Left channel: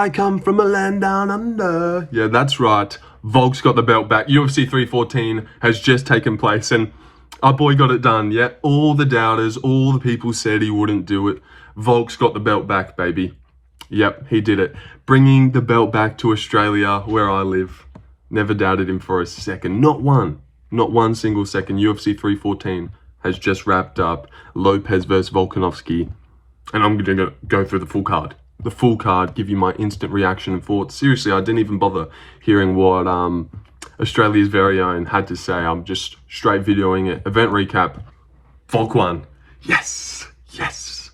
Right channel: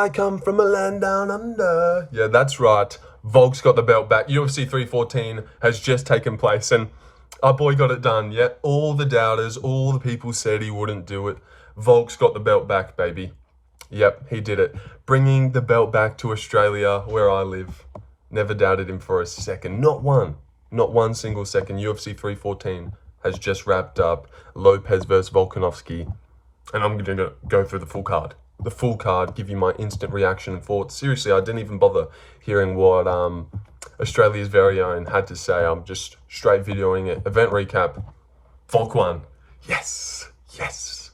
I come from a land down under. Yeah, that's right. Volk's got the belt back. UFC 314 has just taken place and our boy got it done. Yeah, all the doubters, all the people said he wouldn't do it. Volk's got the belt back, baby. Yep, he did it. Bringing the belt back to Australia, where I live. Never doubted him for a second. Not one single second. UFC 314 has just wrapped up. Lopes versus Volkanovski. And I'm going to go through the full card. The full card, give you my instant reaction and thoughts. Seriously, I didn't even bother hearing what Australia's very own had to say. I'm just straight videoing it. Event recap. Volk won. Yes. Yes.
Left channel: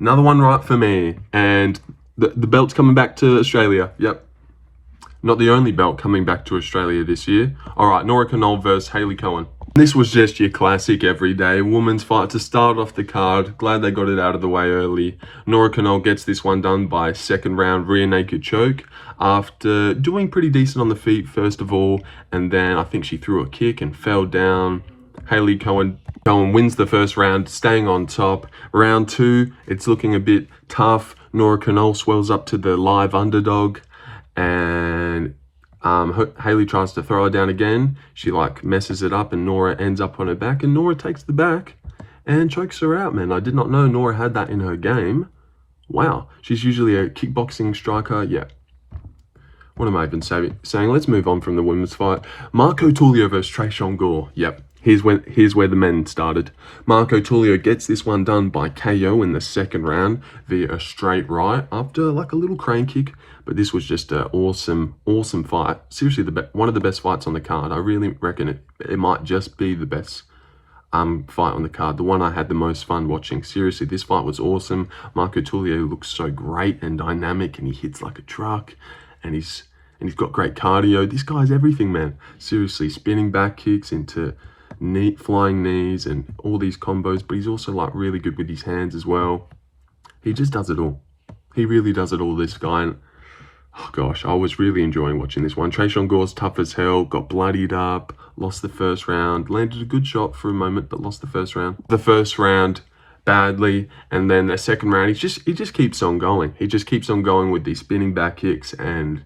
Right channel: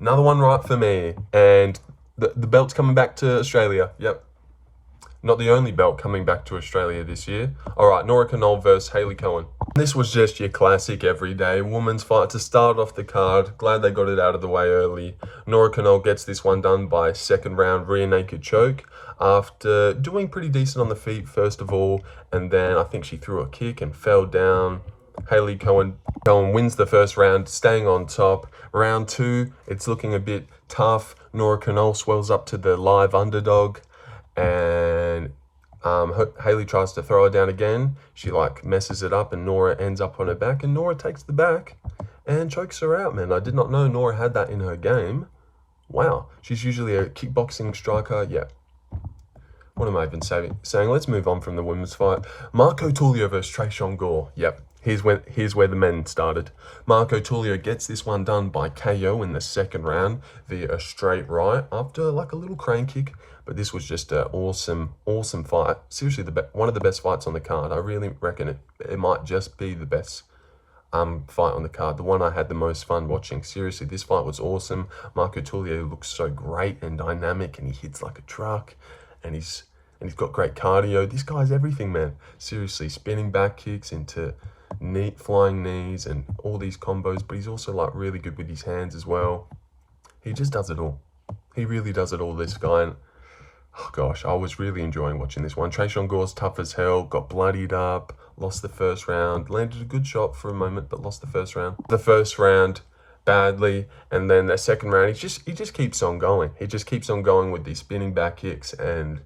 Another one right for me. And the belt's coming back to Australia. Yep. Not the only belt coming back to Australia this year. All right, Nora Cornolle versus Hailey Cowan. This was just your classic everyday women's fight to start off the card. Glad they got it out of the way early. Nora Cornolle gets this one done by second round rear naked choke after doing pretty decent on the feet first of all, and then I think she threw a kick and fell down. Hailey Cowan wins the first round, staying on top. Round two, it's looking a bit tough. Nora Cornolle swells up to the live underdog. And Hailey tries to throw her down again. She messes it up and Nora ends up on her back. And Nora takes the back and chokes her out, man. I did not know Nora had that in her game. Wow. She's usually a kickboxing striker. Yeah. What am I even saying? Let's move on from the women's fight. Marco Tulio versus Tresean Gore. Yep. Here's where the men started. Marco Tulio gets this one done by KO in the second round via a straight right after a little crane kick. But this was just an awesome fight. Seriously, one of the best fights on the card. I really reckon it might just be the best fight on the card. The one I had the most fun watching. Seriously, this fight was awesome. Marco Tulio looks so great and dynamic, and he hits like a truck, and he's got great cardio. This guy's everything, man. Seriously, spinning back kicks into flying knees and all these combos, but he's also really good with his hands as well. He just does it all. He really does it all, this guy. And oh gosh, I was really enjoying watching this one. Tresean Gore's tough as hell, got bloodied up, lost the first round, landed a good shot for a moment, but lost the first round. The first round badly, and then the second round, he just keeps on going. He just keeps on going with these spinning back kicks, and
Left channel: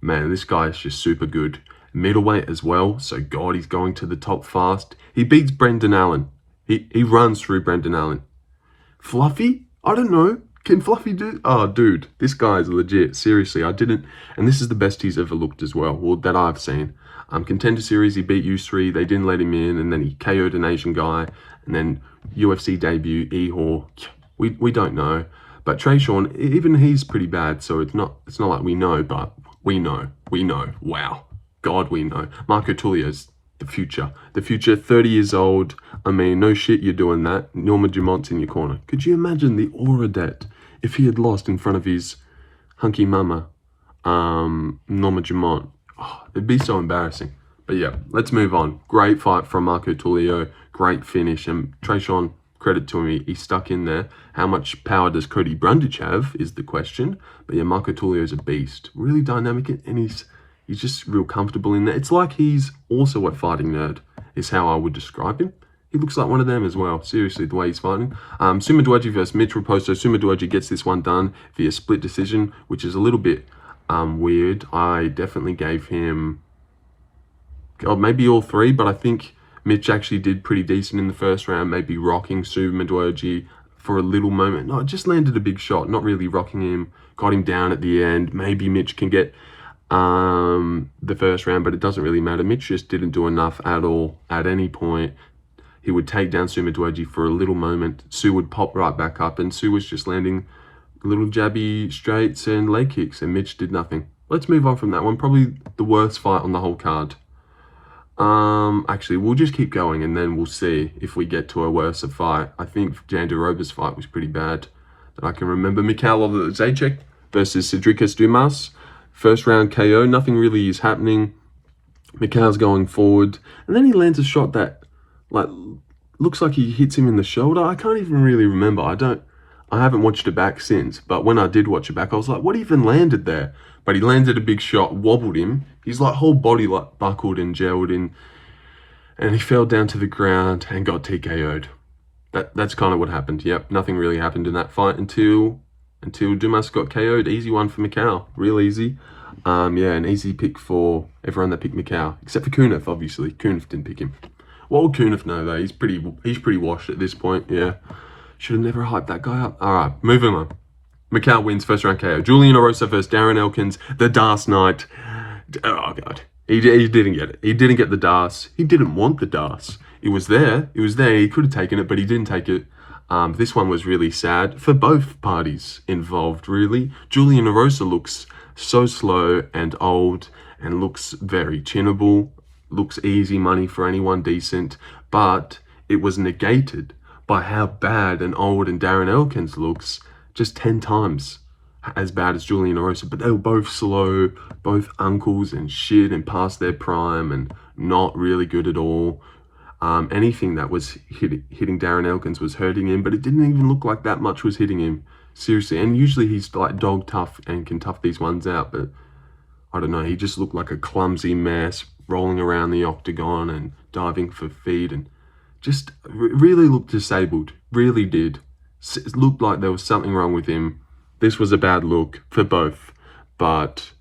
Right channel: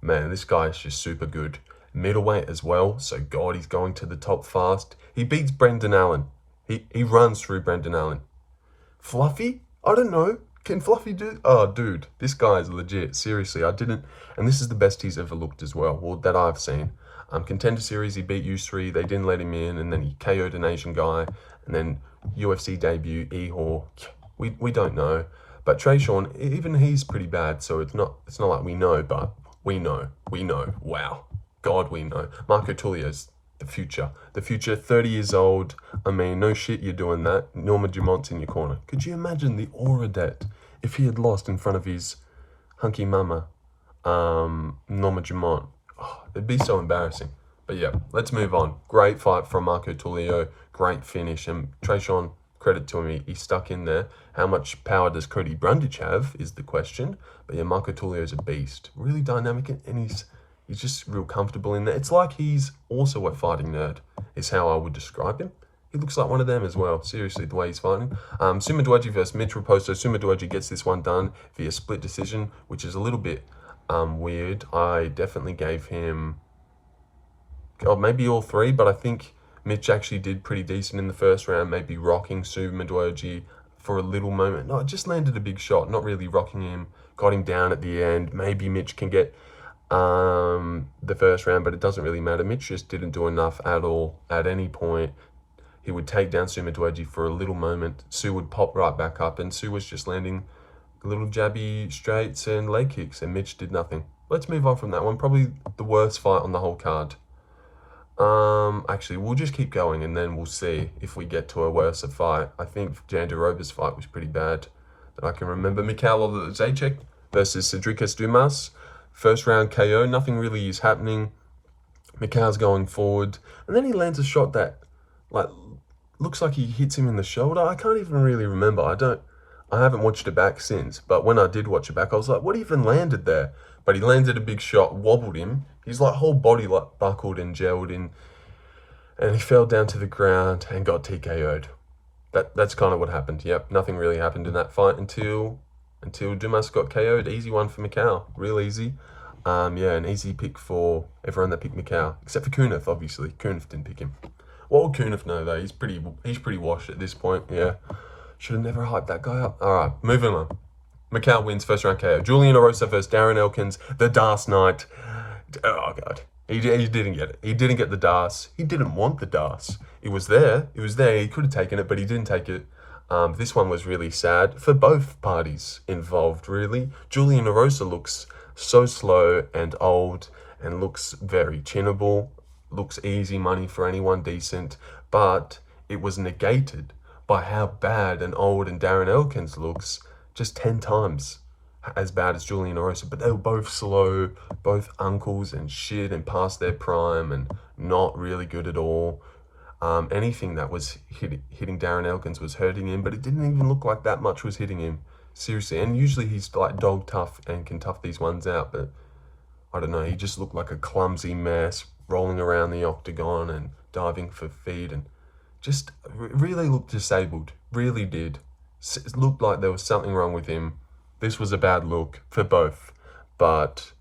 man, this guy is just super good. Middleweight as well, so God, he's going to the top fast. He beats Brendan Allen. He runs through Brendan Allen. Fluffy? I don't know. Can Fluffy do? Oh, dude, this guy is legit. Seriously, I didn't. And this is the best he's ever looked as well, or that I've seen. Contender Series, he beat U3. They didn't let him in, and then he KO'd an Asian guy. And then UFC debut, Ehor. We don't know. But Tresean, even he's pretty bad. So it's not like we know, but we know. Wow. God, we know. Marco Tulio's the future. The future, 30 years old. I mean, no shit you're doing that. Norma Dumont's in your corner. Could you imagine the aura that if he had lost in front of his hunky mama, Norma Dumont? Oh, it'd be so embarrassing. But yeah, let's move on. Great fight from Marco Tulio. Great finish. And Tresean, credit to him, he stuck in there. How much power does Cody Brundage have is the question. But yeah, Marco Tulio's a beast. Really dynamic, and he's just real comfortable in there. It's like he's also a fighting nerd, is how I would describe him. He looks like one of them as well. Seriously, the way he's fighting. Sumadaerji versus Mitch Raposo. Sumadaerji gets this one done via split decision, which is a little bit weird. I definitely gave him, maybe all three, but I think Mitch actually did pretty decent in the first round, maybe rocking Sumadaerji for a little moment. No, it just landed a big shot, not really rocking him. Got him down at the end. Maybe Mitch can get the first round, but it doesn't really matter. Mitch just didn't do enough at all at any point. He would take down Sumadaerji for a little moment. Sue would pop right back up, and Sue was just landing little jabby straights and leg kicks, and Mitch did nothing. Let's move on from that one. Probably the worst fight on the whole card. Actually, we'll just keep going, and then we'll see if we get to a worse fight. I think Jandiroba's fight was pretty bad that I can remember. Michal Oleskijczuk versus Sedriques Dumas. First round KO, nothing really is happening. Michal's going forward, and then he lands a shot that, looks like he hits him in the shoulder. I can't even really remember. I haven't watched it back since, but when I did watch it back, I was like, what even landed there? But he landed a big shot, wobbled him. His whole body buckled and gelled in, and he fell down to the ground and got TKO'd. That's kind of what happened. Yep, nothing really happened in that fight until until Dumas got KO'd. Easy one for Michal. Real easy. Yeah, an easy pick for everyone that picked Michal, except for Kunif, obviously. Kunif didn't pick him. What would Kunif know, though? He's pretty washed at this point, yeah. Should have never hyped that guy up. All right, moving on. Michal wins first round KO. Julian Erosa versus Darren Elkins, the Das Knight. Oh, God. He didn't get it. He didn't get the Das. He didn't want the Das. It was there. It was there. He could have taken it, but he didn't take it. This one was really sad for both parties involved, really. Julian Erosa looks so slow and old and looks very chinnable. Looks easy money for anyone decent, but it was negated by how bad and old and Darren Elkins looks, just 10 times as bad as Julian Erosa. But they were both slow, both uncles and shit and past their prime and not really good at all. Anything that was hitting Darren Elkins was hurting him, but it didn't even look like that much was hitting him. Seriously, and usually he's like dog tough and can tough these ones out, but I don't know, he just looked like a clumsy mess, rolling around the octagon and diving for feet, and just really looked disabled, really did. It looked like there was something wrong with him. This was a bad look for both, but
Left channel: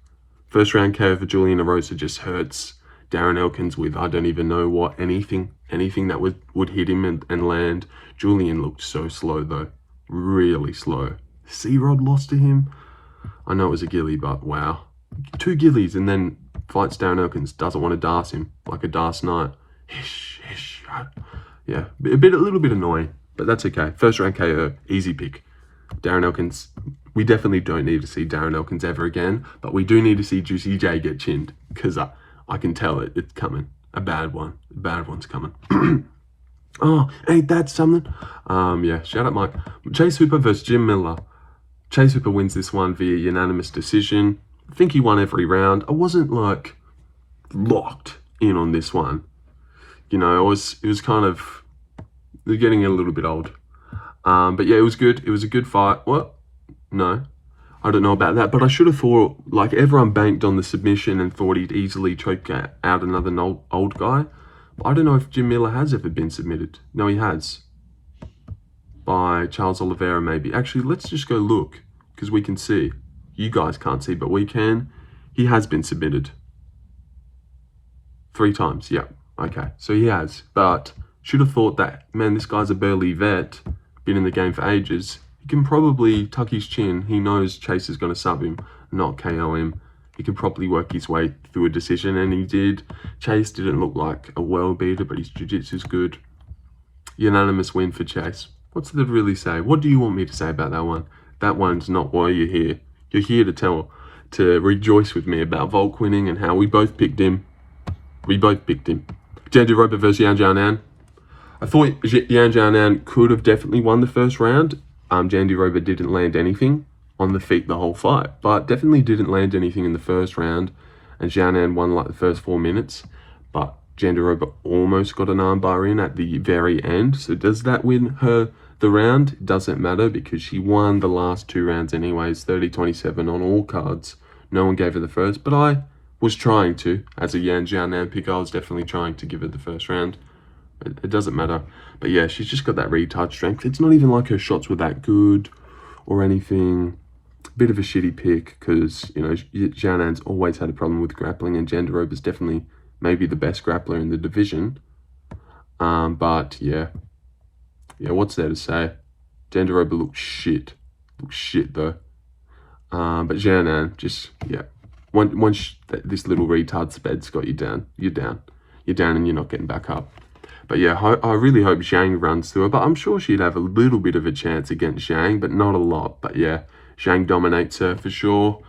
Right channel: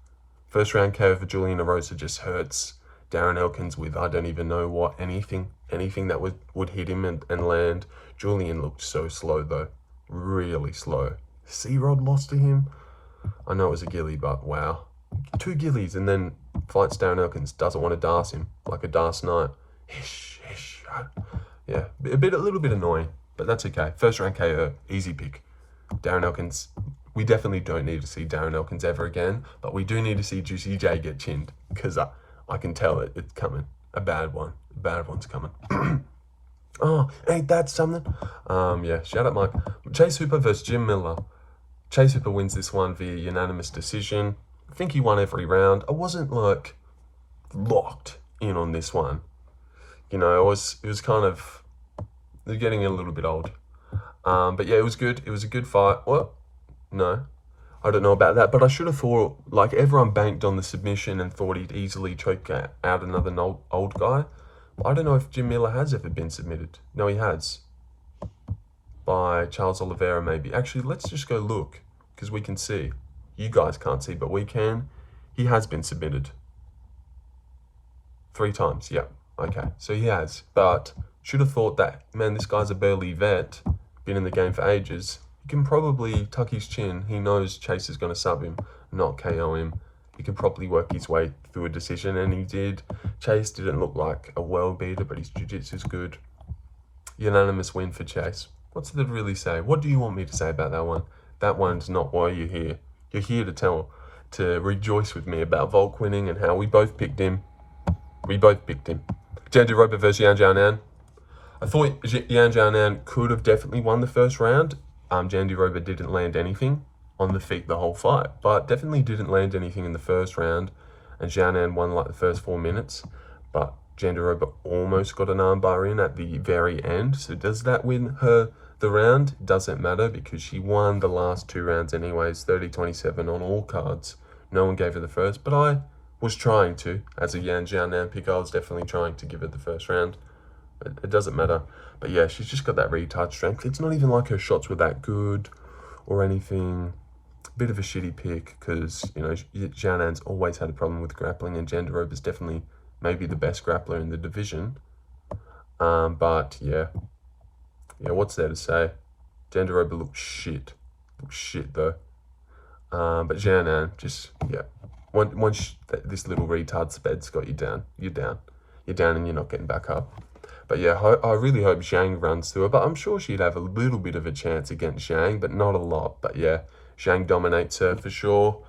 first round KO for Julian Erosa just hurts Darren Elkins with I don't even know what, anything that would hit him and land. Julian looked so slow though, really slow. C-Rod lost to him. I know it was a gilly, but wow. 2 gillies and then fights Darren Elkins, doesn't want to Das him like a Das Knight. Hish. Yeah, a little bit annoying, but that's okay. First round KO, easy pick. Darren Elkins, we definitely don't need to see Darren Elkins ever again, but we do need to see Juicy J get chinned, because I can tell it's coming. A bad one. A bad one's coming. Oh, ain't that something? Yeah, shout out Mike. Chase Hooper versus Jim Miller. Chase Hooper wins this one via unanimous decision. I think he won every round. I wasn't like locked in on this one. You know, it was kind of, they're getting a little bit old. But yeah, it was good. It was a good fight. What? No, I don't know about that, but I should have thought, like, everyone banked on the submission and thought he'd easily choke out another old guy. I don't know if Jim Miller has ever been submitted. No, he has. By Charles Oliveira, maybe. Actually, let's just go look, because we can see. You guys can't see, but we can. He has been submitted. 3 times, yeah. Okay, so he has. But should have thought that, man, this guy's a burly vet, been in the game for ages. He can probably tuck his chin. He knows Chase is going to sub him, not KO him. He can probably work his way through a decision, and he did. Chase didn't look like a world beater, but his jiu-jitsu's good. Unanimous win for Chase. What's there to really say? What do you want me to say about that one? That one's not why you're here. You're here to rejoice with me about Volk winning and how we both picked him. Jandiroba versus Yan Xiaonan. I thought Yan Xiaonan could have definitely won the first round. Jandiroba didn't land anything on the feet the whole fight, but definitely didn't land anything in the first round, and Xiaonan won like the first 4 minutes, but Jandiroba almost got an armbar in at the very end. So does that win her the round? It doesn't matter, because she won the last 2 rounds anyways, 30-27 on all cards. No one gave her the first, but I was trying to. As a Yan Xiaonan pick, I was definitely trying to give her the first round. It doesn't matter. But yeah, she's just got that retard strength. It's not even like her shots were that good or anything. Bit of a shitty pick, because, you know, Xiaonan's always had a problem with grappling, and Jandiroba's definitely maybe the best grappler in the division. But yeah, what's there to say? Jandiroba looks shit. Looks shit though. But Xiaonan just, yeah. Once this little retard sped's got you down, you're down. You're down and you're not getting back up. But yeah, I really hope Zhang runs through her. But I'm sure she'd have a little bit of a chance against Zhang, but not a lot. But yeah, Zhang dominates her for sure.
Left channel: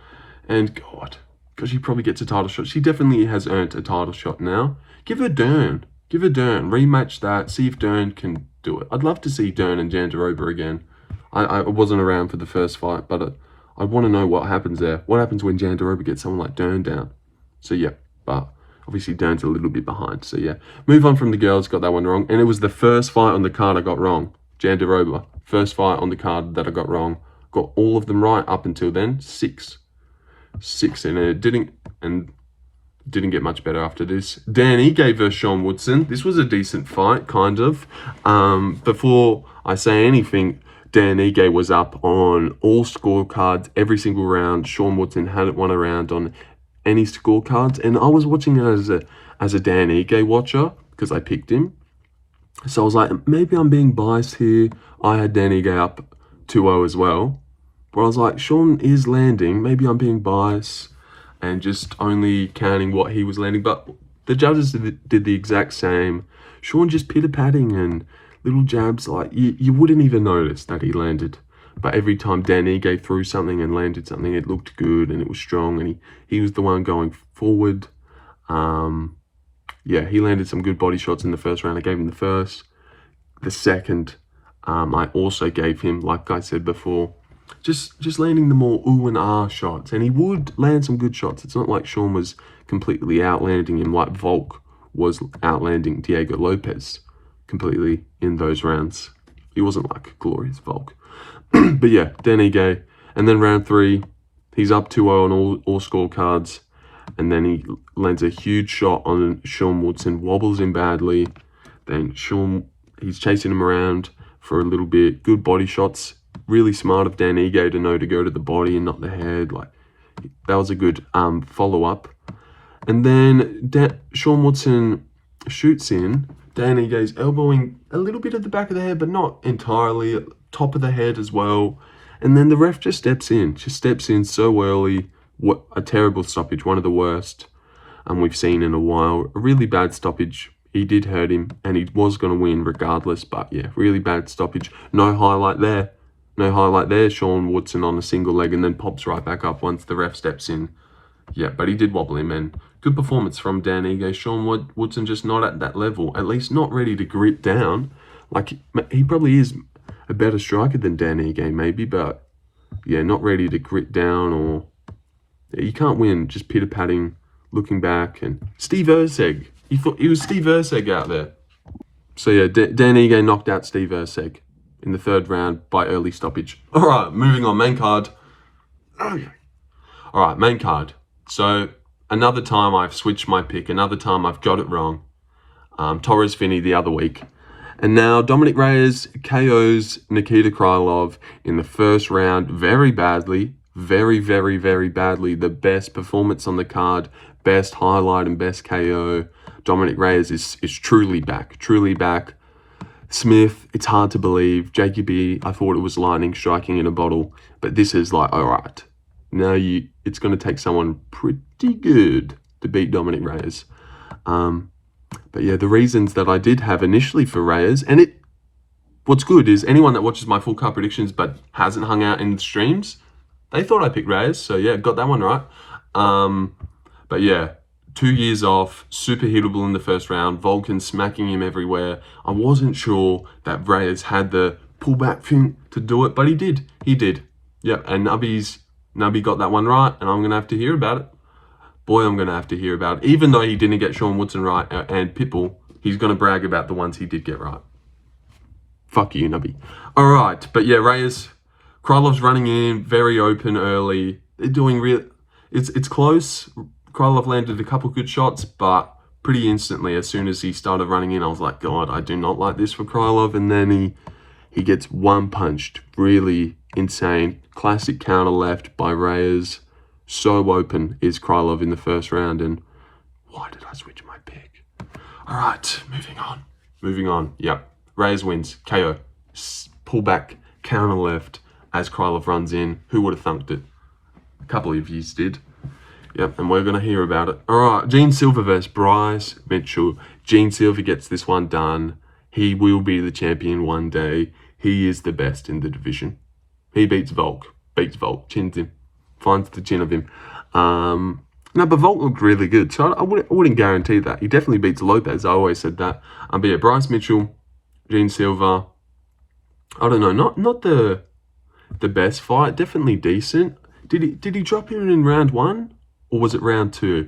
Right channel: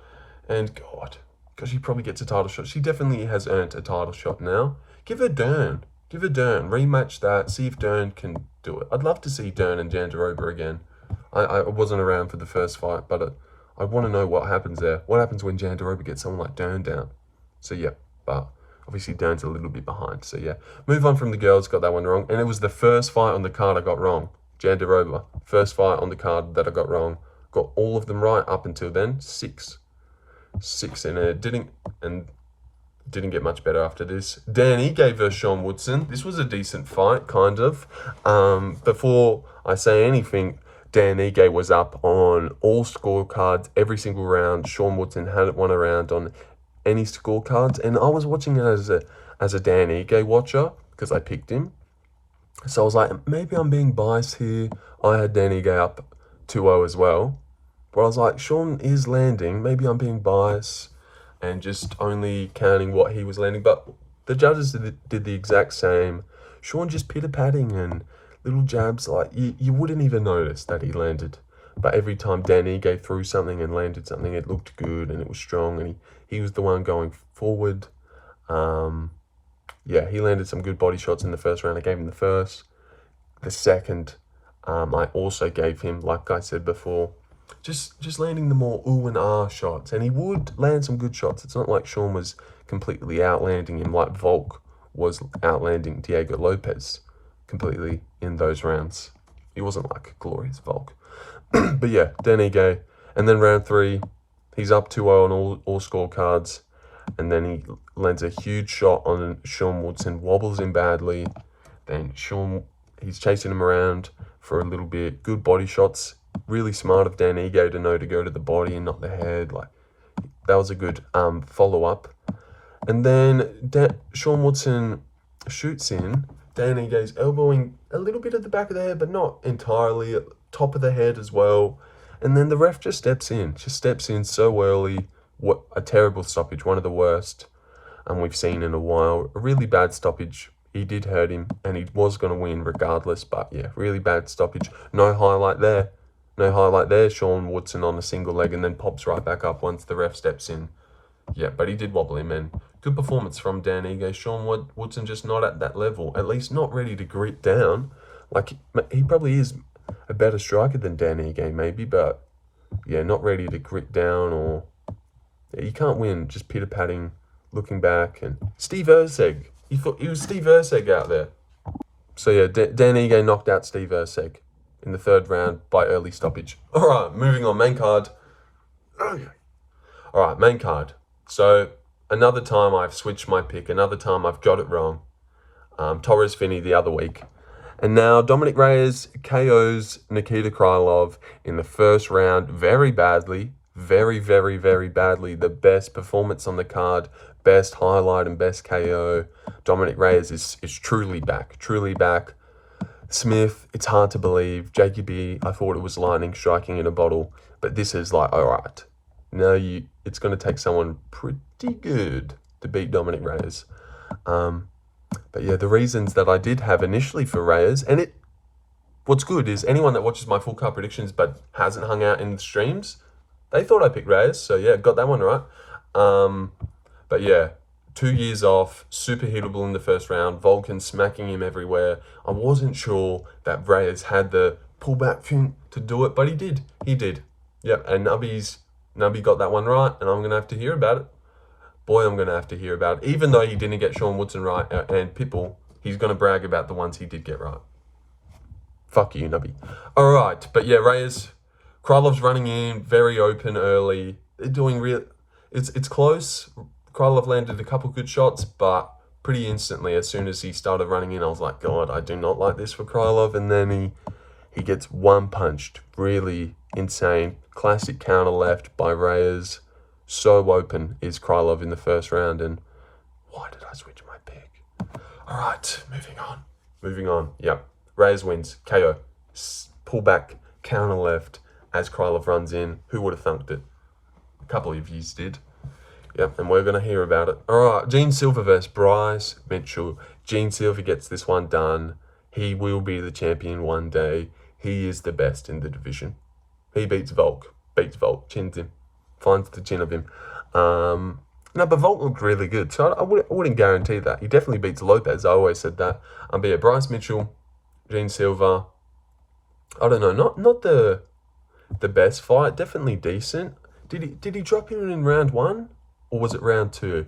And God, she probably gets a title shot. She definitely has earned a title shot now. Give her Dern. Give her Dern. Rematch that. See if Dern can do it. I'd love to see Dern and Jandiroba again. I wasn't around for the first fight, but I want to know what happens there. What happens when Jandiroba gets someone like Dern down? So yeah, but obviously Dern's a little bit behind. So yeah, move on from the girls. Got that one wrong. And it was the first fight on the card I got wrong. Jandiroba. First fight on the card that I got wrong. Got all of them right up until then. 6. And it didn't get much better after this. Danny gave her Sean Woodson. This was a decent fight, kind of. Before I say anything, Dan Ige was up on all scorecards every single round. Sean Woodson hadn't won a round on any scorecards, and I was watching it as a Dan Ige watcher because I picked him. So I was like, maybe I'm being biased here. I had Dan Ige up 2-0 as well. But I was like, Sean is landing. Maybe I'm being biased and just only counting what he was landing. But the judges did the exact same. Sean just pitter-patting and little jabs. Like, you wouldn't even notice that he landed. But every time Dan Ige threw something and landed something, it looked good and it was strong. And he was the one going forward. Yeah, he landed some good body shots in the first round. I gave him the first. The second, I also gave him, like I said before, just landing the more ooh and ah shots. And he would land some good shots. It's not like Sean was completely outlanding him like Volk was outlanding Diego Lopes completely in those rounds. He wasn't like a glorious Volk. But yeah, Dan Ige. And then round 3, he's up 2-0 on all scorecards. And then he lands a huge shot on Sean Woodson, wobbles him badly. Then he's chasing him around for a little bit. Good body shots. Really smart of Dan Ige to know to go to the body and not the head. Like, that was a good follow-up. And then Sean Woodson shoots in. Dan Ige's elbowing a little bit at the back of the head, but not entirely. At the top of the head as well. And then the ref just steps in so early. What a terrible stoppage, one of the worst we've seen in a while. A really bad stoppage. He did hurt him, and he was going to win regardless. But yeah, really bad stoppage. No highlight there. Sean Woodson on a single leg and then pops right back up once the ref steps in. Yeah, but he did wobble him, and good performance from Dan Ige. Sean Woodson just not at that level, at least not ready to grit down. Like, he probably is a better striker than Dan Ige, maybe, but yeah, not ready to grit down, or you can't win just pitter-patting, looking back. And Steve Erceg, he was Steve Erceg out there. So yeah, Dan Ige knocked out Steve Erceg in the 3rd round by early stoppage. All right, moving on, main card. All right, main card. So another time I've switched my pick, another time I've got it wrong. Torres Finney the other week. And now Dominick Reyes KOs Nikita Krylov in the 1st round very badly. Very, very, very badly. The best performance on the card, best highlight and best KO. Dominick Reyes is truly back. Smith, it's hard to believe. JQB, I thought it was lightning striking in a bottle. But this is like, all right. Now it's going to take someone pretty good to beat Dominick Reyes. But yeah, the reasons that I did have initially for Reyes, and what's good is anyone that watches my full card predictions but hasn't hung out in the streams, they thought I picked Reyes, so yeah, got that one right. But yeah, 2 years off, super hittable in the 1st round, Vulcan smacking him everywhere. I wasn't sure that Reyes had the pullback thing to do it, but he did. Yep, and Nubby got that one right, and I'm going to have to hear about it. Boy, I'm going to have to hear about it. Even though he didn't get Sean Woodson right and Pitbull, he's going to brag about the ones he did get right. Fuck you, Nubby. All right, but yeah, Reyes, Krylov's running in, very open early. They're doing it's close. Krylov landed a couple good shots, but pretty instantly, as soon as he started running in, I was like, God, I do not like this for Krylov. And then he gets one punched. Really insane. Classic counter left by Reyes. So open is Krylov in the 1st round. And why did I switch my pick? All right, moving on. Yep, Reyes wins. KO. Pull back, counter left as Krylov runs in. Who would have thumped it? A couple of yous did. Yep, and we're going to hear about it. All right, Gene Silva versus Bryce Mitchell. Gene Silva gets this one done. He will be the champion one day. He is the best in the division. He beats Volk, chins him, finds the chin of him. No, but Volk looked really good, so I wouldn't guarantee that. He definitely beats Lopes. I always said that. But yeah, Bryce Mitchell, Gene Silva. I don't know, not the best fight. Definitely decent. Did he drop him in round 1? Or was it round 2?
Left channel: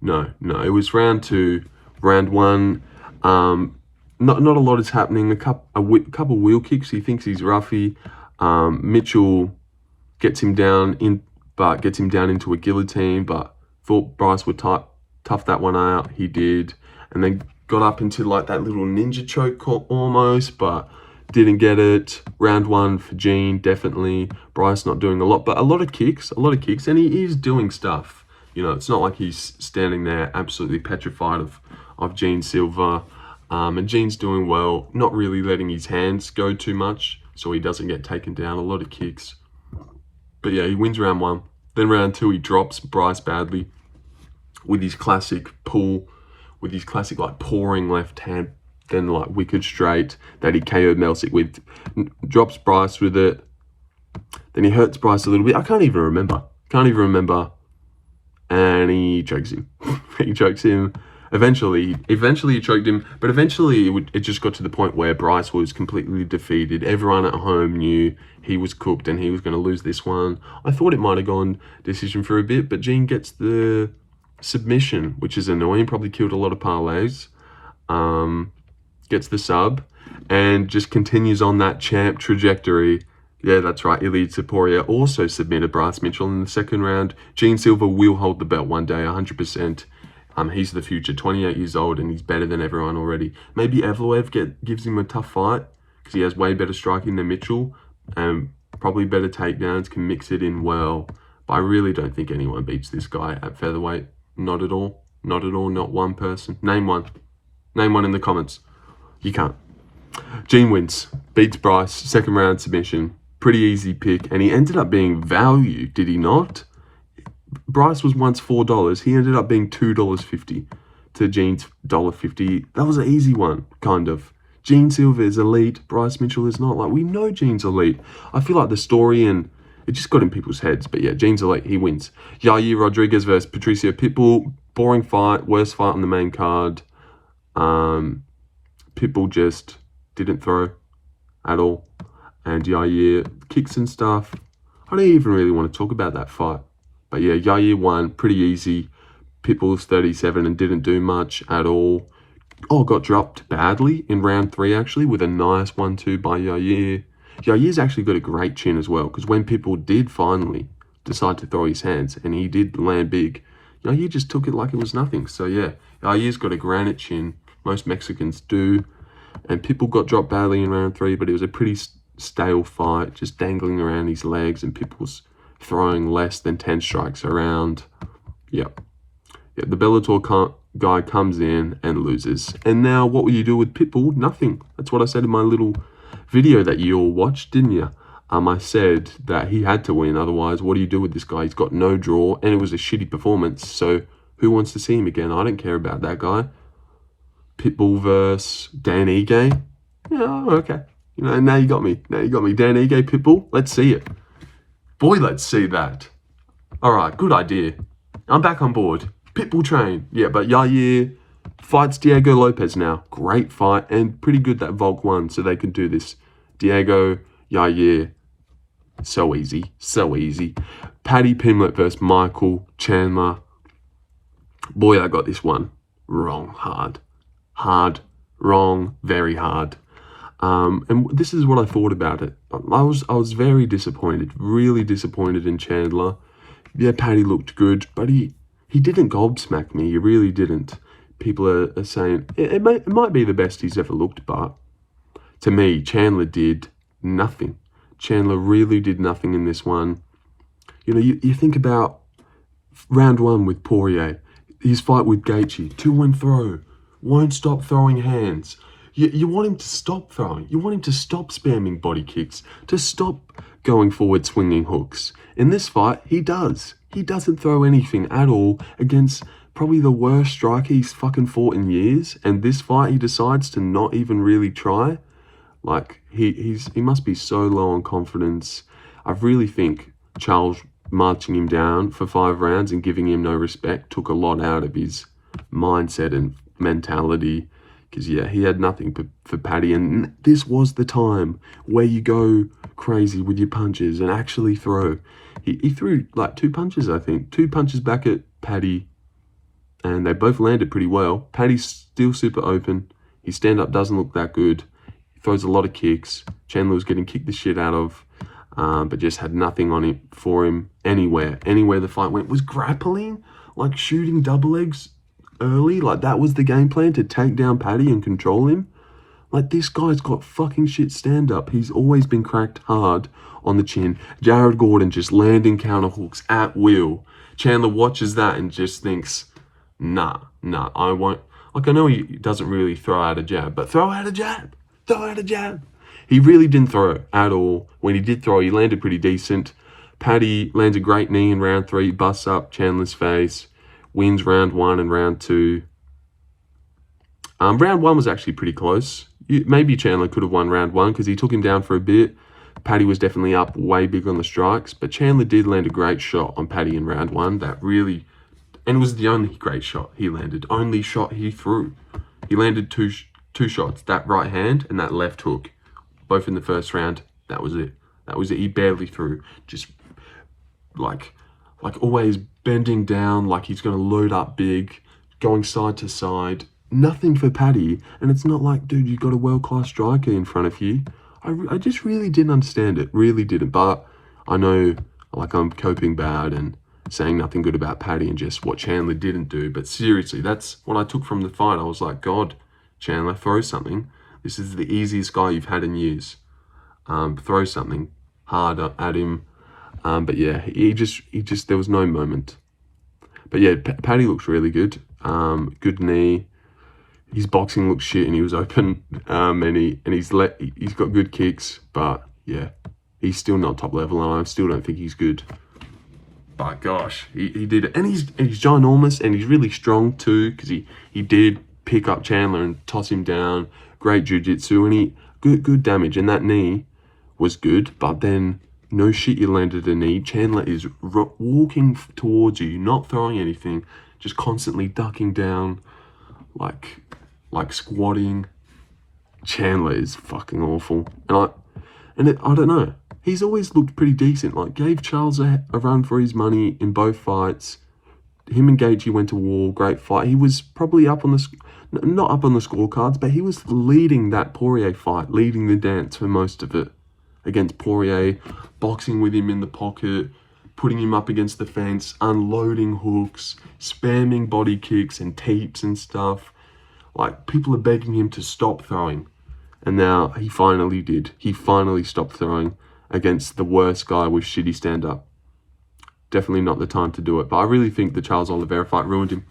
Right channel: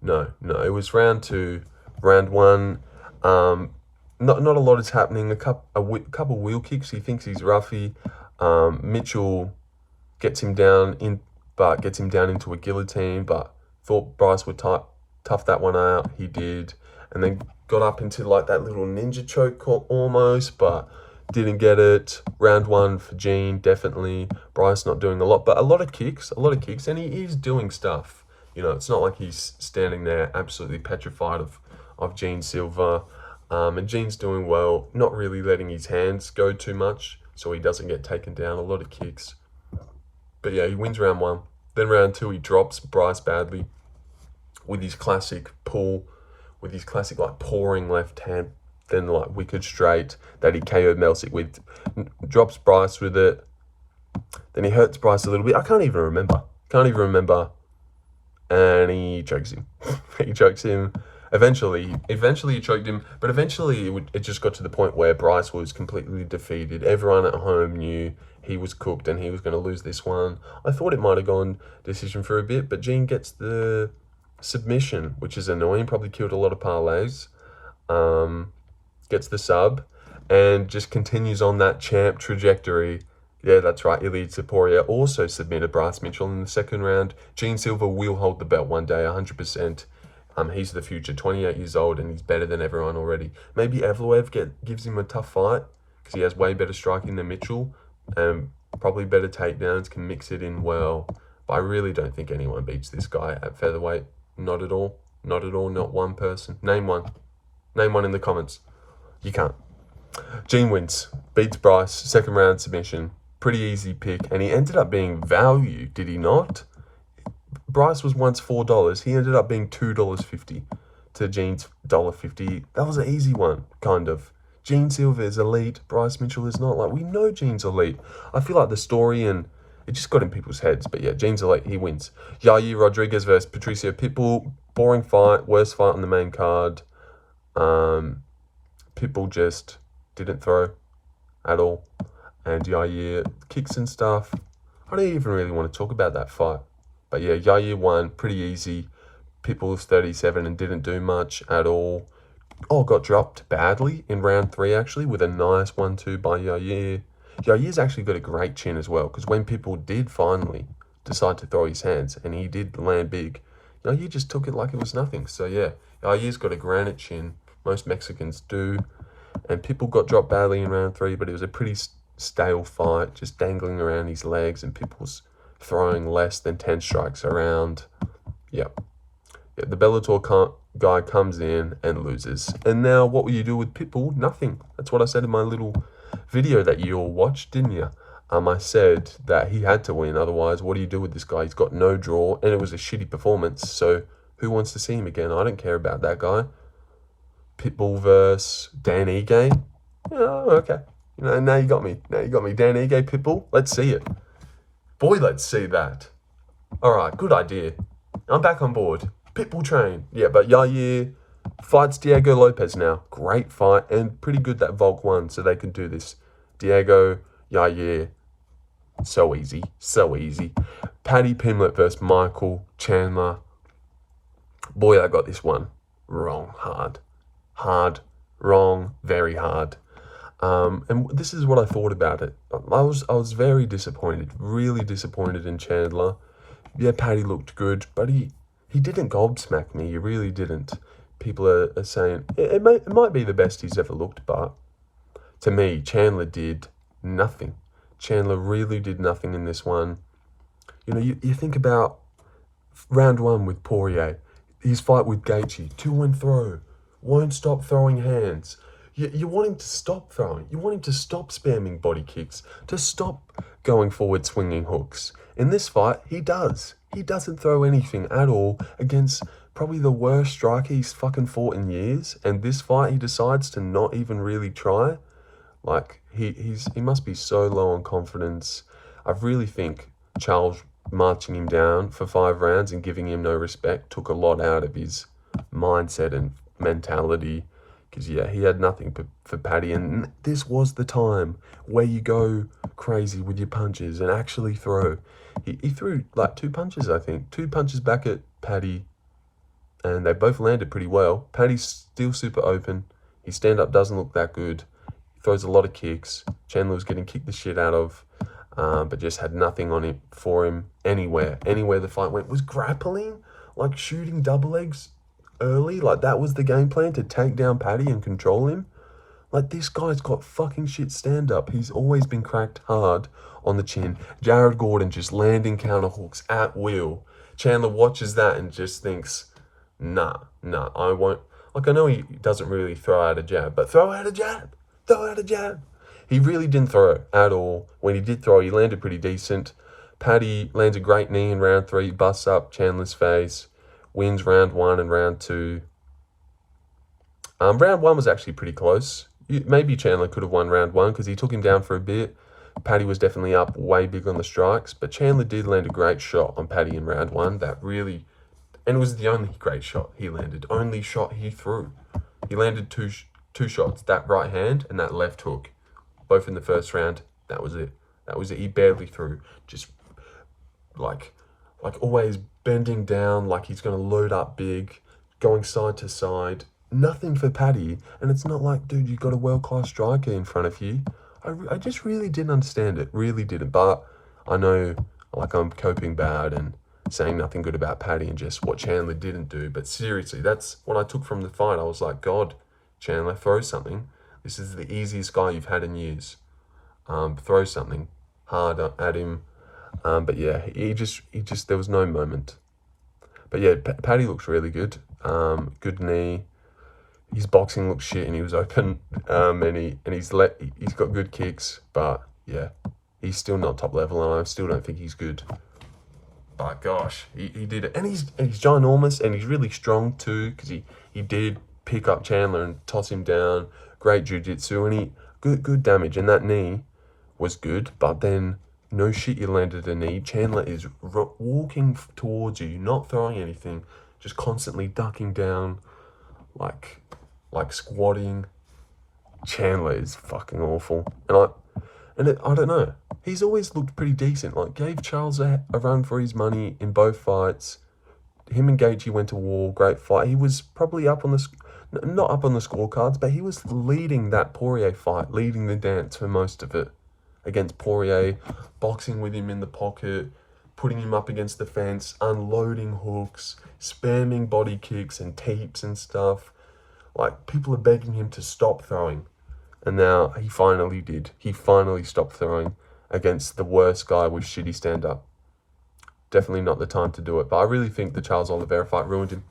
No, it was round 2. Round 1, not a lot is happening. A couple wheel kicks. He thinks he's roughy. Mitchell gets him down into a guillotine, but thought Bryce would tough that one out. He did, and then got up into like that little ninja choke almost, but didn't get it. Round 1 for Gene, definitely. Bryce not doing a lot, but a lot of kicks, and he is doing stuff. You know, it's not like he's standing there absolutely petrified of Gene Silva. And Gene's doing well, not really letting his hands go too much, so he doesn't get taken down. A lot of kicks. But yeah, he wins round 1. Then round 2, he drops Bryce badly with his classic pull, with his classic like pouring left hand, then like wicked straight that he KO'd Melsick with. Drops Bryce with it. Then he hurts Bryce a little bit. I can't even remember. And he chokes him. He chokes him. Eventually he choked him, but eventually it just got to the point where Bryce was completely defeated. Everyone at home knew he was cooked and he was going to lose this one. I thought it might have gone decision for a bit, but Gene gets the submission, which is annoying. Probably killed a lot of parlays. Gets the sub and just continues on that champ trajectory. Yeah, that's right. Ilia Topuria also submitted Bryce Mitchell in the second round. Gene Silva will hold the belt one day, 100%. He's the future, 28 years old, and he's better than everyone already. Maybe Evloev gives him a tough fight because he has way better striking than Mitchell and probably better takedowns, can mix it in well. But I really don't think anyone beats this guy at featherweight. Not at all. Not at all. Not one person. Name one. Name one in the comments. You can't. Gene wins. Beats Bryce. Second round submission. Pretty easy pick. And he ended up being value, did he not? Bryce was once $4. He ended up being $2.50 to Gene's $1.50. That was an easy one, kind of. Gene Silva is elite. Bryce Mitchell is not. Like, we know Gene's elite. I feel like the story and it just got in people's heads. But yeah, Gene's elite. He wins. Yair Rodriguez versus Patricio Pitbull. Boring fight. Worst fight on the main card. Pitbull just didn't throw at all. And Yair kicks and stuff. I don't even really want to talk about that fight. But yeah, Yair won pretty easy. Pitbull's 37 and didn't do much at all. Oh, got dropped badly in round 3 actually with a nice 1-2 by Yair. Yair's actually got a great chin as well because when Pitbull did finally decide to throw his hands and he did land big, Yair just took it like it was nothing. So yeah, Yair's got a granite chin. Most Mexicans do. And Pitbull got dropped badly in round 3, but it was a pretty stale fight, just dangling around his legs and Pitbull's throwing less than 10 strikes around. Yep. Yeah, the Bellator guy comes in and loses. And now what will you do with Pitbull? Nothing. That's what I said in my little video that you all watched, didn't you? I said that he had to win. Otherwise, what do you do with this guy? He's got no draw and it was a shitty performance. So who wants to see him again? I don't care about that guy. Pitbull versus Dan Ige. Yeah, okay. You know, now you got me. Dan Ige, Pitbull. Let's see it. Boy, let's see that. All right, good idea. I'm back on board. Pitbull train. Yeah, but Yair fights Diego Lopes now. Great fight and pretty good that Volk won, so they can do this. Diego, Yair. So easy. So easy. Paddy Pimblett versus Michael Chandler. Boy, I got this one wrong. Hard. Wrong. Very hard. And this is what I thought about it. I was very disappointed, really disappointed in Chandler. Yeah, Paddy looked good, but he didn't gobsmack me. He really didn't. People are saying it might be the best he's ever looked, but to me, Chandler did nothing. Chandler really did nothing in this one. You know, you think about round 1 with Poirier, his fight with Gaethje, 2-1 throw, won't stop throwing hands. You want him to stop throwing. You want him to stop spamming body kicks, to stop going forward swinging hooks. In this fight, he does. He doesn't throw anything at all against probably the worst striker he's fucking fought in years. And this fight, he decides to not even really try. Like, he must be so low on confidence. I really think Charles marching him down for 5 rounds and giving him no respect took a lot out of his mindset and mentality. Because, yeah, he had nothing for Paddy. And this was the time where you go crazy with your punches and actually throw. He threw, like, 2 punches, I think. 2 punches back at Paddy. And they both landed pretty well. Paddy's still super open. His stand-up doesn't look that good. He throws a lot of kicks. Chandler was getting kicked the shit out of. But just had nothing on it for him anywhere. Anywhere the fight went. Was grappling, like shooting double legs early, like that was the game plan, to take down Paddy and control him. Like, this guy's got fucking shit stand-up. He's always been cracked hard on the chin. Jared Gordon just landing counter hooks at will. Chandler watches that and just thinks, nah, I won't. Like, I know he doesn't really throw out a jab, but throw out a jab. Throw out a jab. He really didn't throw at all. When he did throw, he landed pretty decent. Paddy lands a great knee in round 3, busts up Chandler's face, wins round 1 and round 2. Round 1 was actually pretty close. Maybe Chandler could have won round 1 because he took him down for a bit. Paddy was definitely up way big on the strikes, but Chandler did land a great shot on Paddy in round 1. That really, and it was the only great shot he landed, only shot he threw. He landed two shots, that right hand and that left hook, both in the first round. That was it. That was it. He barely threw. Just like always bending down, like he's going to load up big, going side to side. Nothing for Paddy. And it's not like, dude, you've got a world-class striker in front of you. I just really didn't understand it. Really didn't. But I know, like, I'm coping bad and saying nothing good about Paddy and just what Chandler didn't do. But seriously, that's what I took from the fight. I was like, God, Chandler, throw something. This is the easiest guy you've had in years. Throw something hard at him. But yeah, he just, there was no moment. But yeah, Paddy looks really good. Good knee. His boxing looks shit and he was open. And he's got good kicks. But yeah, he's still not top level and I still don't think he's good. But gosh, he did it. And he's ginormous and he's really strong too, because he did pick up Chandler and toss him down. Great jiu-jitsu and he good damage. And that knee was good, but then no shit, you landed a knee. Chandler is walking towards you, not throwing anything, just constantly ducking down, like squatting. Chandler is fucking awful. And I don't know. He's always looked pretty decent. Like, gave Charles a run for his money in both fights. Him and Gaethje went to war. Great fight. He was probably up on not up on the scorecards, but he was leading that Poirier fight, leading the dance for most of it against Poirier, boxing with him in the pocket, putting him up against the fence, unloading hooks, spamming body kicks and teeps and stuff. Like, people are begging him to stop throwing. And now he finally did. He finally stopped throwing against the worst guy with shitty stand-up. Definitely not the time to do it. But I really think the Charles Oliveira fight ruined him.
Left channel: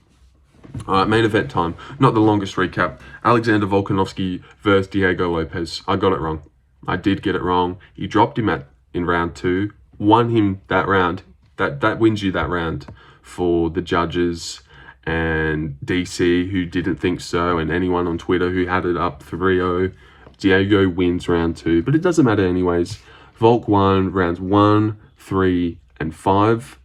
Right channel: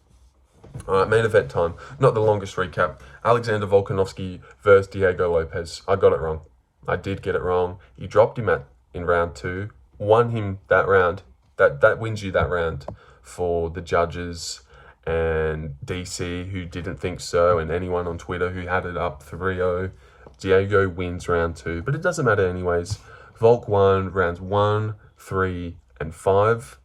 All right, main event time. Not the longest recap. Alexander Volkanovski versus Diego Lopes. I got it wrong. I did get it wrong. He dropped him in round 2. Won him that round. That wins you that round for the judges and DC who didn't think so, and anyone on Twitter who had it up 3-0. Diego wins round 2, but it doesn't matter anyways. Volk won rounds 1, 3, and 5.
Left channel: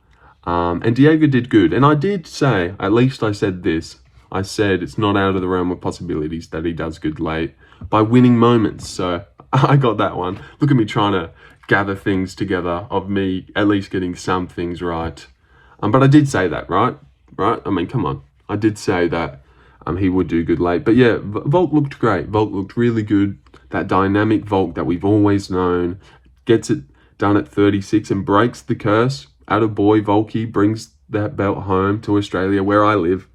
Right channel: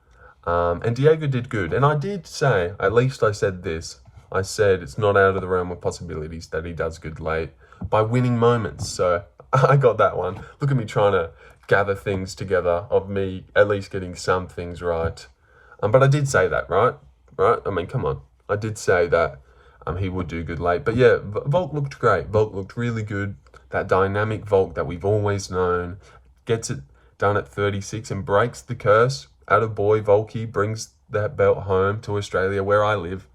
And Diego did good. And I did say, at least I said this, I said it's not out of the realm of possibilities that he does good late by winning moments. So I got that one. Look at me trying to gather things together of me at least getting some things right. But I did say that, right? I mean, come on. I did say that he would do good late. But yeah, Volk looked great. Volk looked really good. That dynamic Volk that we've always known. Gets it done at 36 and breaks the curse. Attaboy, Volky brings that belt home to Australia where I live.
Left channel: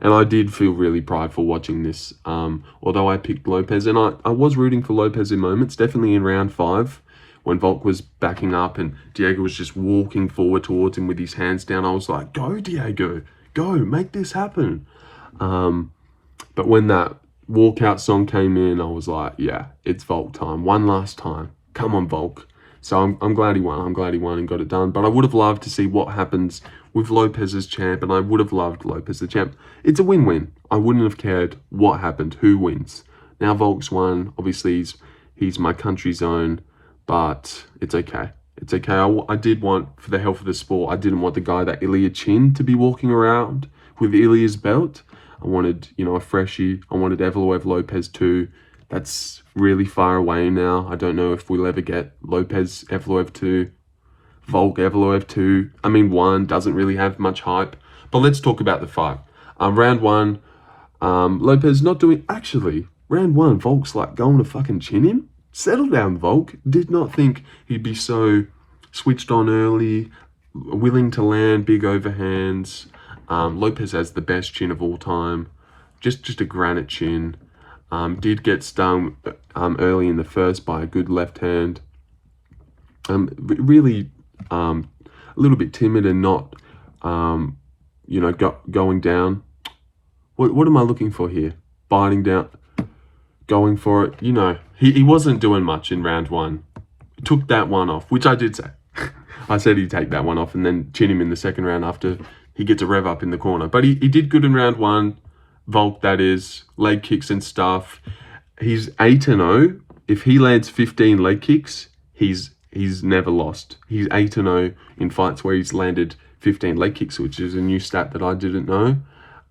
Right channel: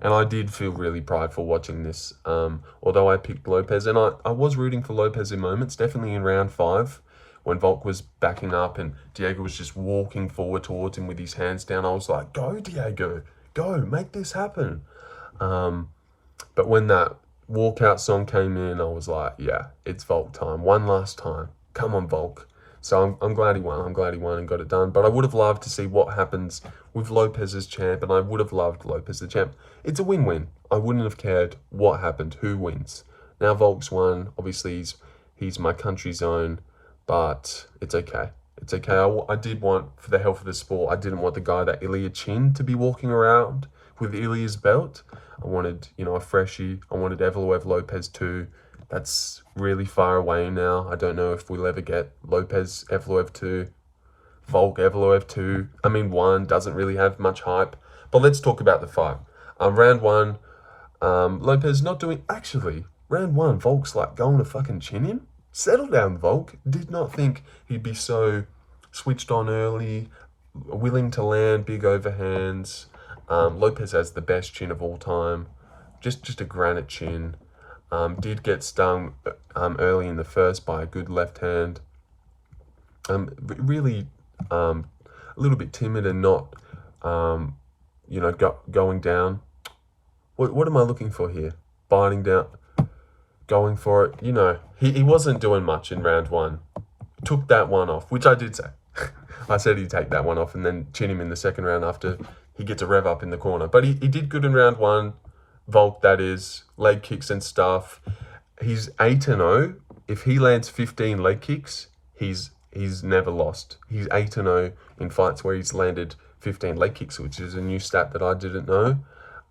And I did feel really prideful watching this. Although I picked Lopes. And I was rooting for Lopes in moments. Definitely in round 5. When Volk was backing up and Diego was just walking forward towards him with his hands down. I was like, go Diego. Go. Make this happen. But when that walkout song came in, I was like, yeah, it's Volk time. One last time. Come on, Volk. So I'm glad he won. I'm glad he won and got it done. But I would have loved to see what happens with Lopes as champ, and I would have loved Lopes as champ. It's a win-win. I wouldn't have cared what happened, who wins. Now Volk's won. Obviously, he's my country's own, but it's okay. It's okay. I did want, for the health of the sport, I didn't want the guy that Ilya Chin to be walking around with Ilya's belt. I wanted, a freshie. I wanted Evloev Lopes too. That's really far away now. I don't know if we'll ever get Lopes Evloev 2, Volk Evloev 2. I mean, 1 doesn't really have much hype. But let's talk about the fight. Round 1, Lopes not doing... Actually, round 1, Volk's like going to fucking chin him. Settle down, Volk. Did not think he'd be so switched on early, willing to land big overhands. Lopes has the best chin of all time. Just a granite chin. Did get stung early in the first by a good left hand. Really a little bit timid and not, going down. What am I looking for here? Biting down, going for it. He wasn't doing much in round one. Took that one off, which I did say. I said he'd take that one off and then chin him in the second round after he gets a rev up in the corner. But he did good in round one. Volk, that is, leg kicks and stuff. He's 8-0. If he lands 15 leg kicks, he's never lost. He's 8-0 in fights where he's landed 15 leg kicks, which is a new stat that I didn't know.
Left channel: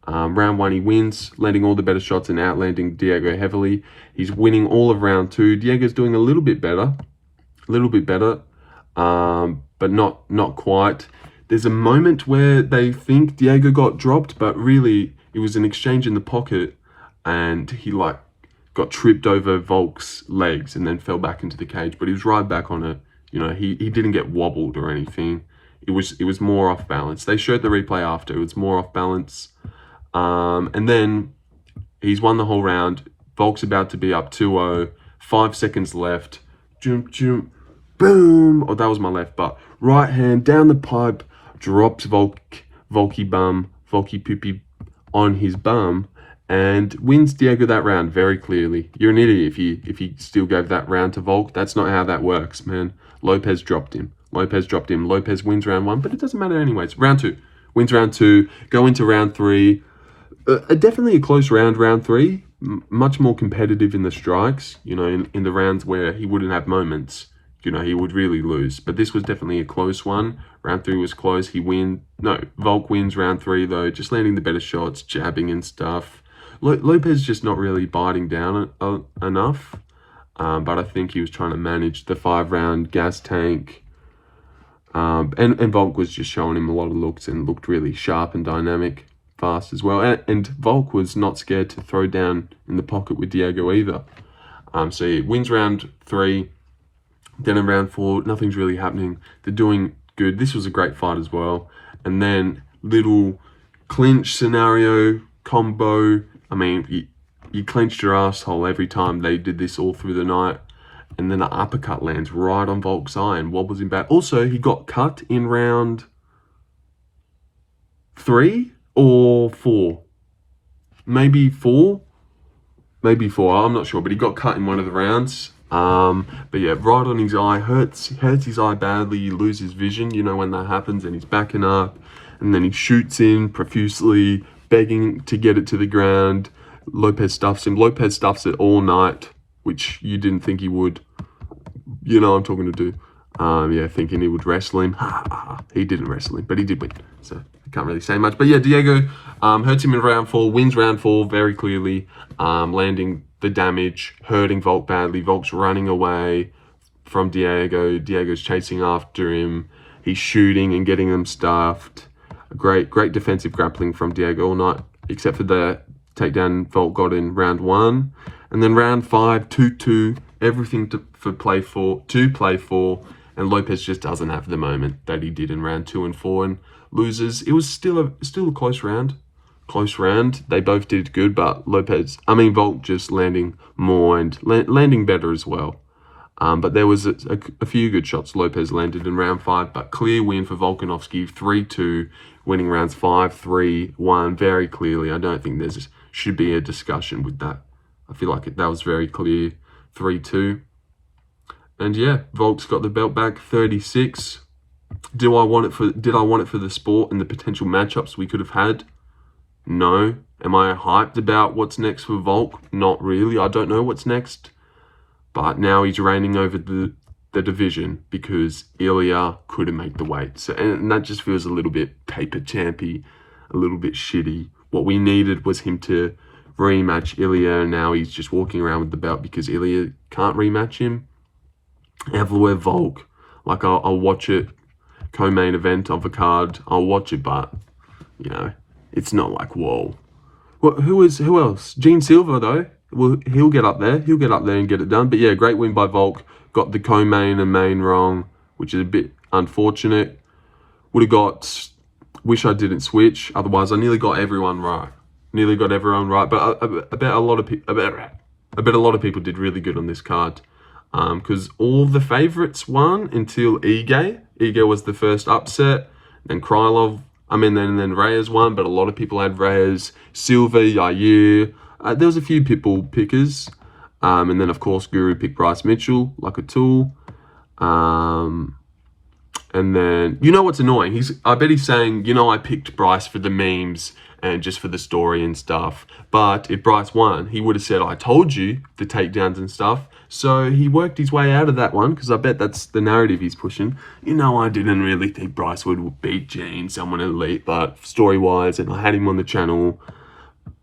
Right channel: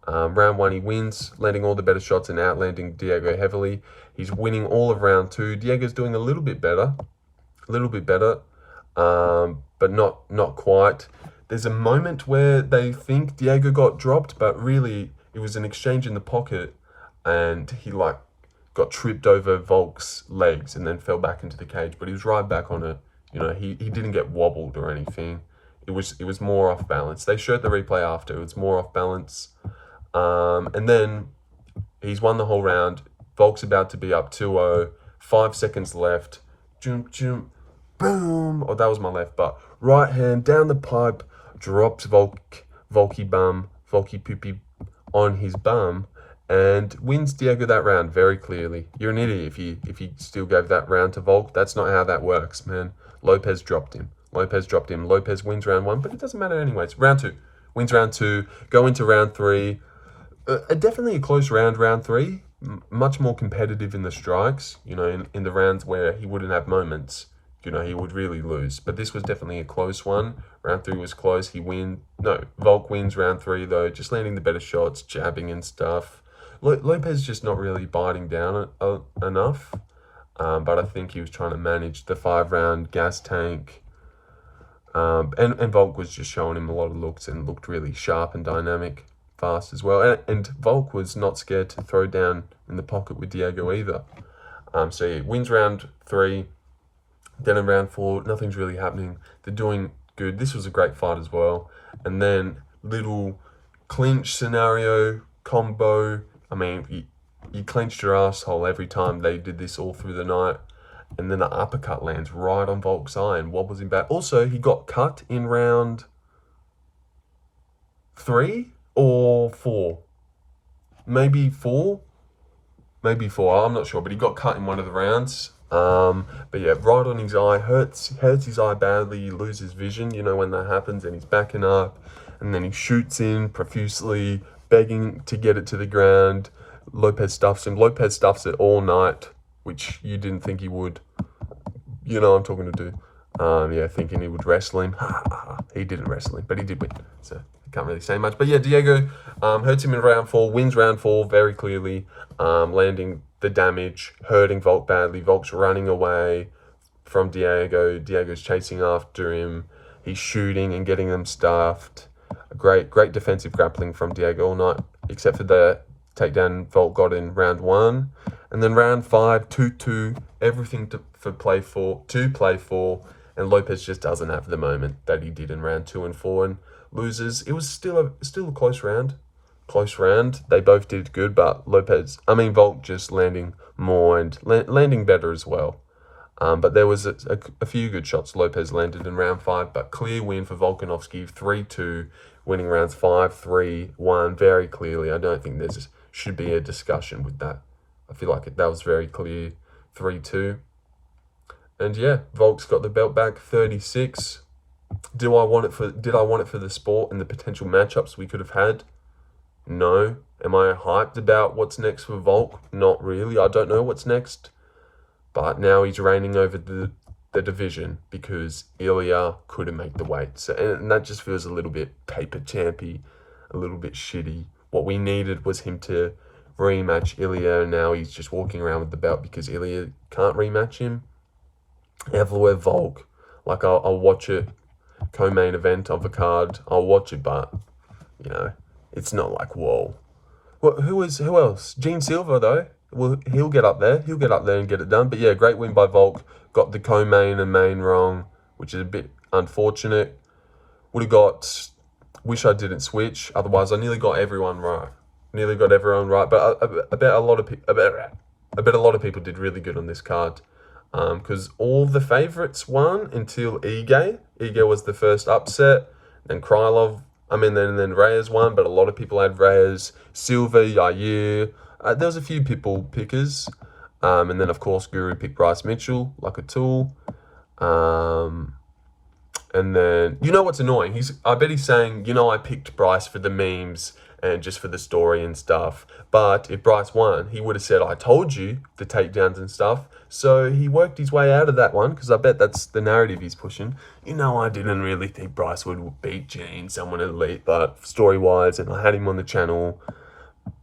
Round one, he wins, landing all the better shots and outlanding Diego heavily. He's winning all of round two. Diego's doing a little bit better, but not quite. There's a moment where they think Diego got dropped, but really it was an exchange in the pocket, and he got tripped over Volk's legs and then fell back into the cage. But he was right back on it. He didn't get wobbled or anything. It was more off balance. They showed the replay after. It was more off balance. And then he's won the whole round. Volk's about to be up 2-0. 5 seconds left. Boom. Oh, that was my left, but right hand down the pipe, drops Volky Poopy on his bum, and wins Diego that round very clearly. You're an idiot if you still gave that round to Volk. That's not how that works, man. Lopes dropped him. Lopes wins round one, but it doesn't matter anyways. Round two. Wins round two. Go into round three. Definitely a close round three. Much more competitive in the strikes, in the rounds where he wouldn't have moments. He would really lose. But this was definitely a close one. Round three was close. Volk wins round three, though, just landing the better shots, jabbing and stuff. Lopes just not really biting down enough. But I think he was trying to manage the 5-round gas tank. And Volk was just showing him a lot of looks and looked really sharp and dynamic, fast as well. And Volk was not scared to throw down in the pocket with Diego either. So he wins round three. Then in round four, nothing's really happening. They're doing good. This was a great fight as well. And then little clinch scenario, combo. I mean, you clenched your asshole every time they did this all through the night. And then an uppercut lands right on Volk's eye and wobbles him back. Also, he got cut in round 3 or 4. Maybe 4. I'm not sure. But he got cut in one of the rounds. But yeah, right on his eye, hurts his eye badly. He loses vision, when that happens, and he's backing up, and then he shoots in profusely, begging to get it to the ground. Lopes stuffs him. Lopes stuffs it all night, which you didn't think he would. I'm talking to do. Thinking he would wrestle him. He didn't wrestle him, but he did win. So I can't really say much. But yeah, Diego hurts him in round 4, wins round 4 very clearly, landing the damage, hurting Volk badly. Volk's running away from Diego. Diego's chasing after him. He's shooting and getting him stuffed. Great defensive grappling from Diego all night, except for the takedown Volk got in round 1. And then round 5, 2-2, everything to play for, and Lopes just doesn't have the moment that he did in round 2 and 4 and loses. It was still a close round. They both did good, but Volk just landing more and landing better as well. But there was a few good shots Lopes landed in round 5, but clear win for Volkanovski, 3-2, winning rounds 5, 3, 1 very clearly. I don't think should be a discussion with that. I feel like that was very clear, 3-2. And yeah, Volk's got the belt back, 36. Did I want it for the sport and the potential matchups we could have had? No. Am I hyped about what's next for Volk? Not really. I don't know what's next. But now he's reigning over the division because Ilya couldn't make the weight. So, and that just feels a little bit paper champy, a little bit shitty. What we needed was him to rematch Ilya, and now he's just walking around with the belt because Ilya can't rematch him. Evloev Volk, I'll watch it. Co-main event of a card, I'll watch it, but it's not like whoa. Who else? Gene Silva though. Well, he'll get up there and get it done. But yeah, great win by Volk. Got the co-main and main wrong, which is a bit unfortunate. Wish I didn't switch. Otherwise, I nearly got everyone right. But I bet a lot of people. I bet a lot of people did really good on this card. Because all the favourites won until Ige. Ige was the first upset. Then Krylov, then Reyes won, but a lot of people had Reyes. Silva, Yair. There was a few people pickers. And then, of course, Guru picked Bryce Mitchell, like a tool. And then, you know what's annoying? I bet he's saying, I picked Bryce for the memes and just for the story and stuff. But if Bryce won, he would have said, I told you, the takedowns and stuff. So he worked his way out of that one, because I bet that's the narrative he's pushing. I didn't really think Bryce would beat Gene, someone elite, but story-wise, and I had him on the channel.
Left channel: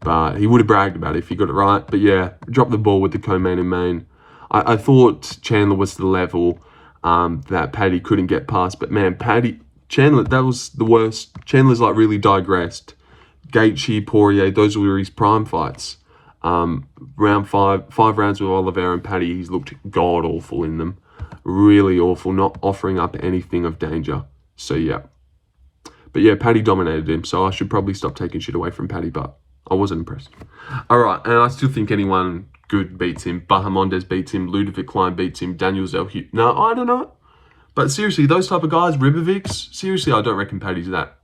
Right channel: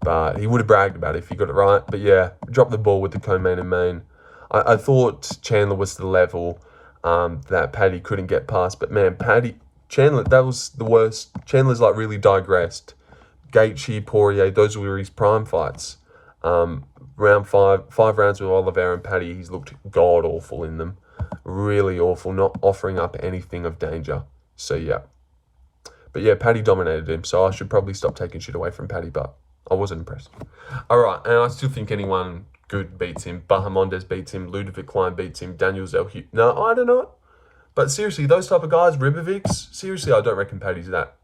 But he would have bragged about it if he got it right. But yeah, dropped the ball with the co-main and main. I thought Chandler was the level that Paddy couldn't get past. But man, Chandler, that was the worst. Chandler's like really digressed. Gaethje, Poirier, those were his prime fights. Round five rounds with Oliveira and Paddy, he's looked god-awful in them. Really awful, not offering up anything of danger. So yeah. But yeah, Paddy dominated him, so I should probably stop taking shit away from Paddy, but I wasn't impressed. Alright, and I still think anyone good beats him. Bahamondes beats him, Ludovic Klein beats him, Daniel Zelhut. No, I don't know. But seriously, those type of guys, Ribovics, seriously, I don't reckon Paddy's that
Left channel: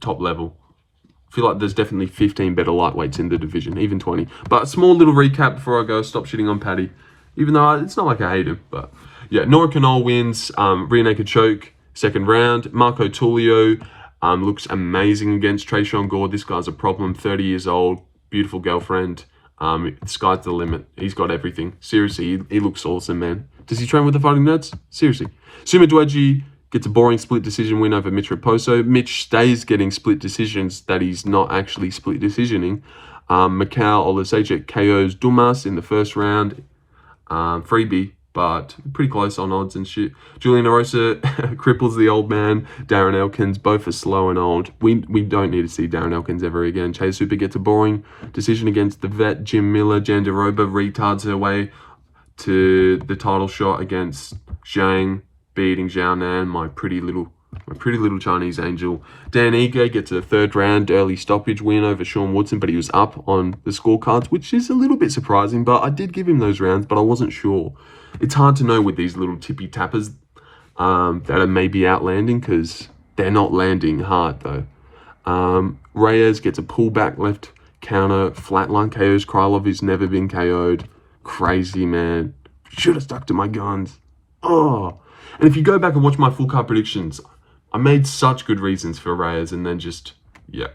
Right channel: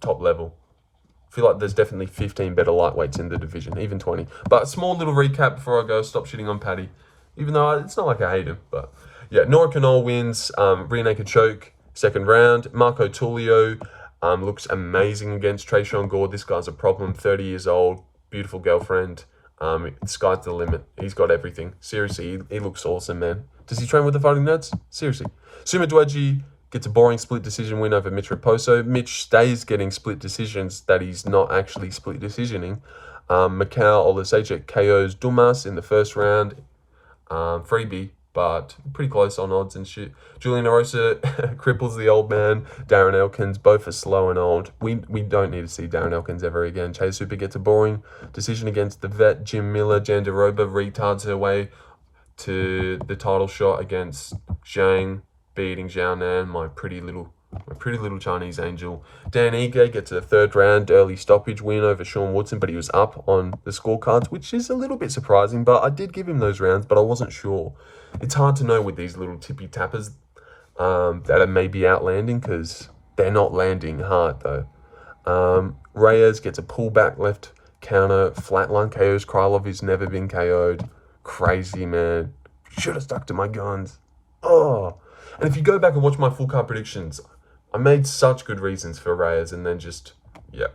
top level. I feel like there's definitely 15 better lightweights in the division, even 20. But a small little recap before I go, stop shitting on Paddy. Even though it's not like I hate him, but yeah, Nora Cornolle wins, rear naked choke, second round. Marco Tulio looks amazing against Tresean Gore. This guy's a problem, 30 years old, beautiful girlfriend. The sky's the limit. He's got everything. Seriously, he looks awesome, man. Does he train with the Fighting Nerds? Seriously. Sumadaerji gets a boring split decision win over Mitch Raposo. Mitch stays getting split decisions that he's not actually split decisioning. Michal Oleskijczuk KOs Dumas in the first round. Freebie, but pretty close on odds and shit. Julian Erosa cripples the old man. Darren Elkins, both are slow and old. We don't need to see Darren Elkins ever again. Chase Super gets a boring decision against the vet. Jim Miller, Jandiroba retards her way to the title shot against Zhang, beating Xianon, my pretty little Chinese angel. Dan Ige gets a third round early stoppage win over Sean Woodson, but he was up on the scorecards, which is a little bit surprising, but I did give him those rounds, but I wasn't sure. It's hard to know with these little tippy tappers that are maybe outlanding, because they're not landing hard though. Reyes gets a pullback left counter, flatline KOs Krylov, who's never been KO'd. Crazy, man. Should have stuck to my guns. Oh. And if you go back and watch my full card predictions, I made such good reasons for Reyes, and then just, yeah.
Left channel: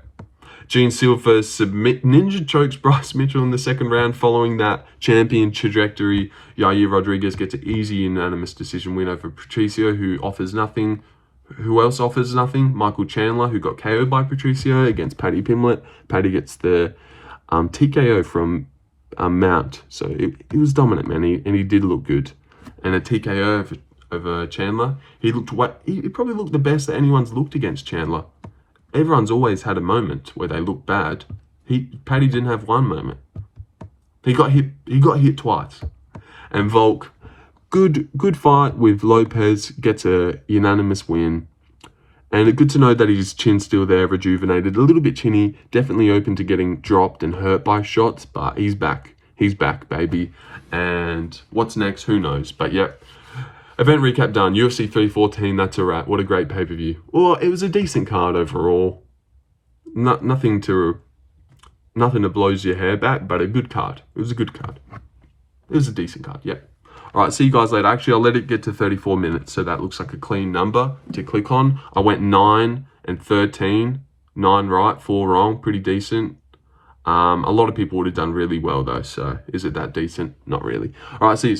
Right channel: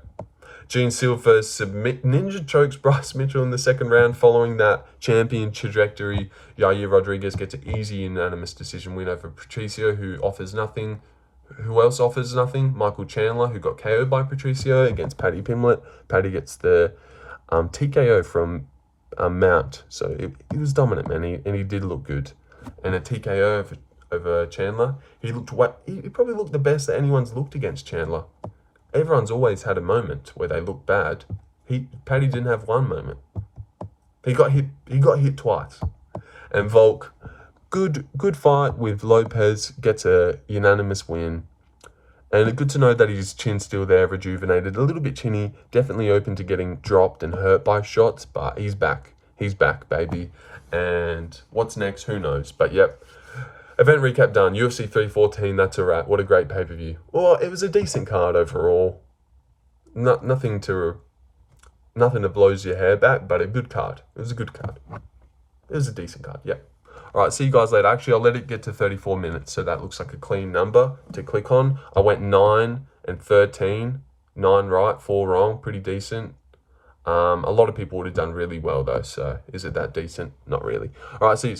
Gene Silva ninja chokes Bryce Mitchell in the second round following that champion trajectory. Yair Rodriguez gets an easy unanimous decision win over Patricio, who offers nothing. Who else offers nothing? Michael Chandler, who got KO'd by Patricio against Paddy Pimblett. Paddy gets the TKO from Mount. So he was dominant, man, and he did look good. And a TKO over Chandler. He probably looked the best that anyone's looked against Chandler. Everyone's always had a moment where they look bad. Paddy didn't have one moment. He got hit twice. And Volk, good fight with Lopes, gets a unanimous win. And good to know that his chin's still there, rejuvenated, a little bit chinny, definitely open to getting dropped and hurt by shots, but he's back. He's back, baby. And what's next? Who knows? But yep. Event recap done. UFC 314, that's a wrap. What a great pay-per-view. Well, it was a decent card overall. Nothing to blows your hair back, but a good card. It was a good card. It was a decent card, yep. All right, see you guys later. Actually, I'll let it get to 34 minutes, so that looks like a clean number to click on. I went 9 and 13. 9 right, 4 wrong. Pretty decent. A lot of people would have done really well, though, so is it that decent? Not really. All right, see you.